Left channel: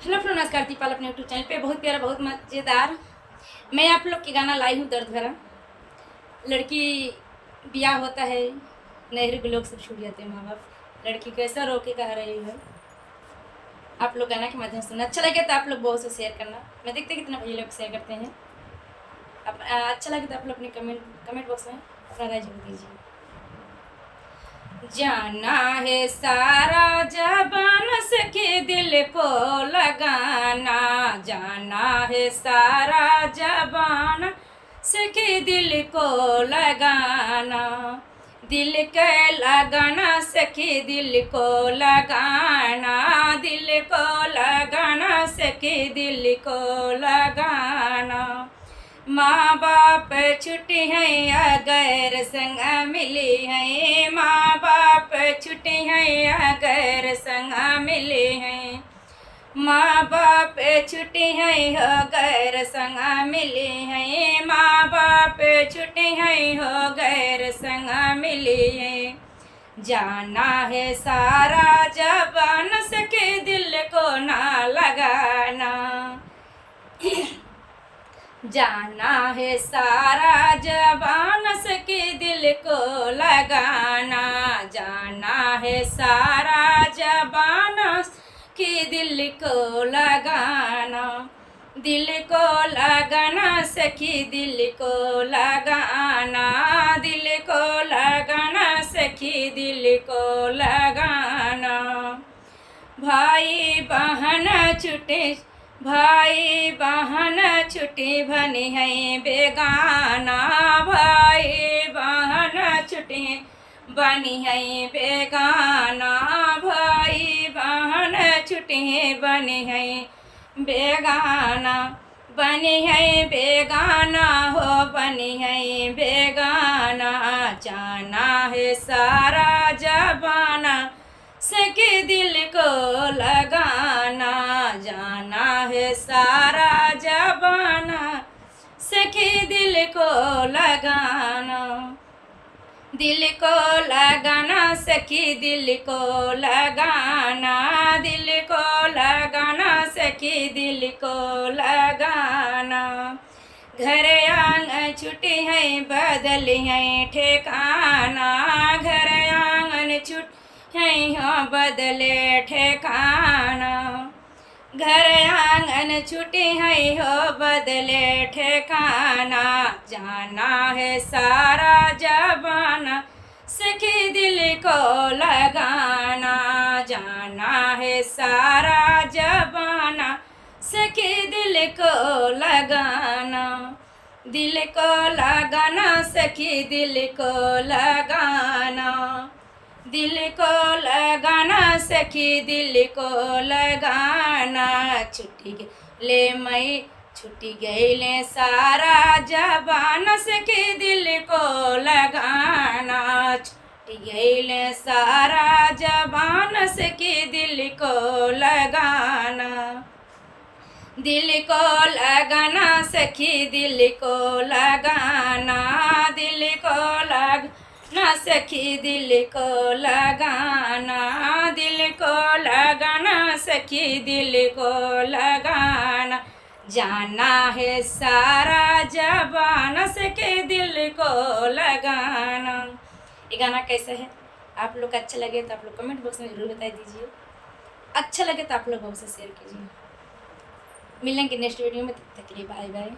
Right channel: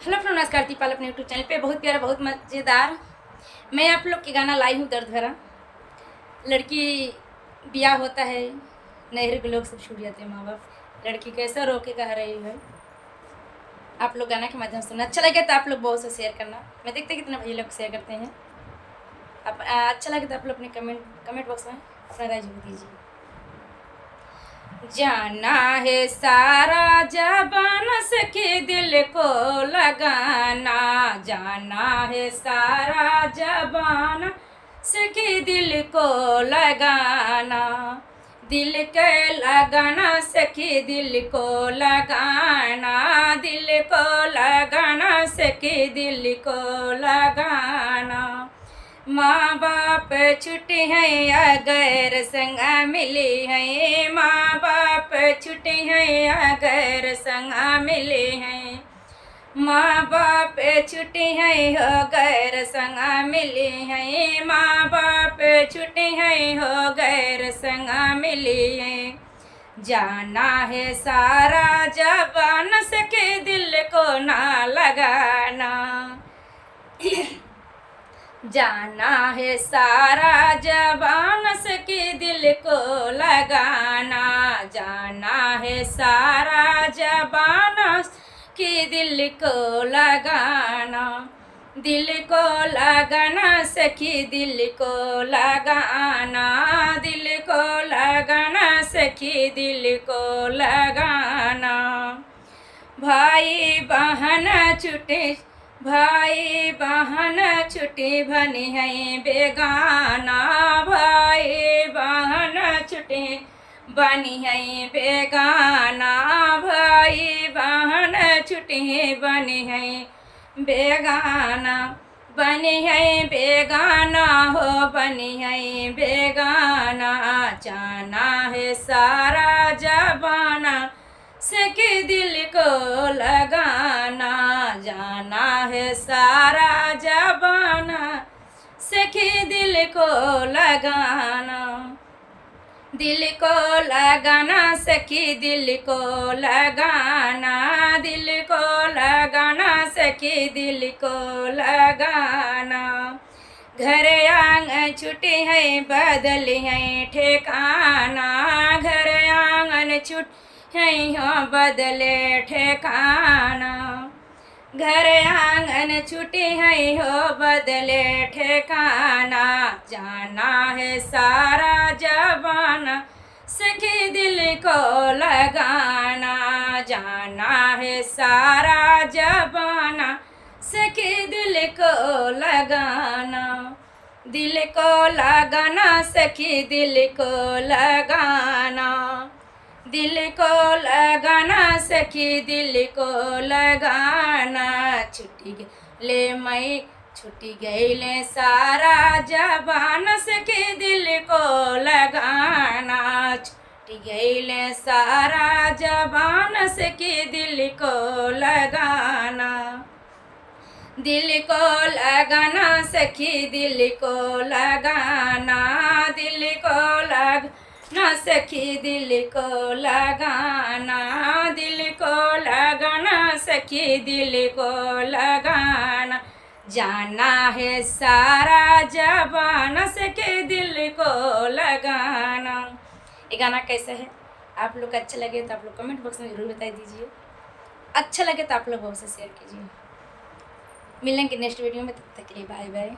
Hello friend, नमस्कार। दीपाल अपने YouTube channel पे बहुत प्यारा, बहुत मज़ेदार मैं आप लोग के गाना लाई हूँ। दर्द भरा लड़की ब्याह होता है, नहर के लोग सब छूट जाते हैं, माँ बाप लड़की कैसा रोके कह रही है। आप लोग गाना के माध्यम से सुनना। अच्छा लगे तो आप लोग बहुत से शेयर करना। मैं देखते कितना भैया लोग शेयर करते हैं। अच्छा लगे तो आप लोग अपने कमेंट बॉक्स में अपना राय जरूर दीजिए। जाना है सारा जबान सखी दिल को लगाना, जाना है सारा जबान सखी दिल को लगाना, दिल के लगाना सखी दिल को लगाना, दिल को लगाना सखी दिल को लगाना। माँ बाप छुट्टी हैं अगर संग मिली हैं, माँ बाप छुट्टी हैं अगर संग मिले हैं, माँ बाप छुट्टी हैं अगर संग मिले हैं, माँ बाप छुट्टी हैं अगर संग मिले हैं। जाना है सारा जबान सके दिल को ना लगाना, जाना है सारा जबान सके दिल को लगाना, जाना है सारा जबान के दिल को लगाना, दिल को लगाना सखी दिल को लगाना, दिल को लगाना सखी दिल को लगाना। भाई बहन छुटे, भाई बहन छुट्टी बनी है बेगाना, भाई बहन छुट्टी बनी है बेगाना, भाई बहन छुट्टी बनी है बेगाना, बनी है बेगाना हो बनी है बेगाना। जाना है सारा जबाना सके दिल को लगाना, जाना है सारा जबाना सके दिल को लगाना, दिल को लगाना सखी दिल को लगाना, दिल को लगाना सखी दिल को लगाना। घर आंगन छुट्टी है बदली है ठेकाना, घर आंगन छुट है बदले ठेकाना, घर आंगन छुट्टी है हो बदले ठेकाना। जाना है सारा जबाना सखी दिल को लगाना, जाना है सारा जबाना सखी दिल को लगाना, दिल को लगाना सखी दिल को लगाना, दिल को लगाना सखी दिल को लगाना। छुट्टी ले मई छुट्टी गई ले सारा जबान सखी दिल को लगाना, छुट्टी गई ले सारा जबान सखी दिल को लगाना, दिल को लगाना सखी दिल को लगाना, दिल को लगाना सखी दिल को लगाना, दिल को लगाना सखी दिल को लगाना। जाना है सारा जबान सके दिल को लगाना। ये गाना कैसा है? आप लोग को अच्छा लगे तो आप लोग कमेंट बॉक्स में ज़रूर बता दीजिए। अच्छा लगे तो आप लोग बहुत से शेयर कीजिए। मिलेंगे नेक्स्ट वीडियो में, तब तक के लिए बाय बाय।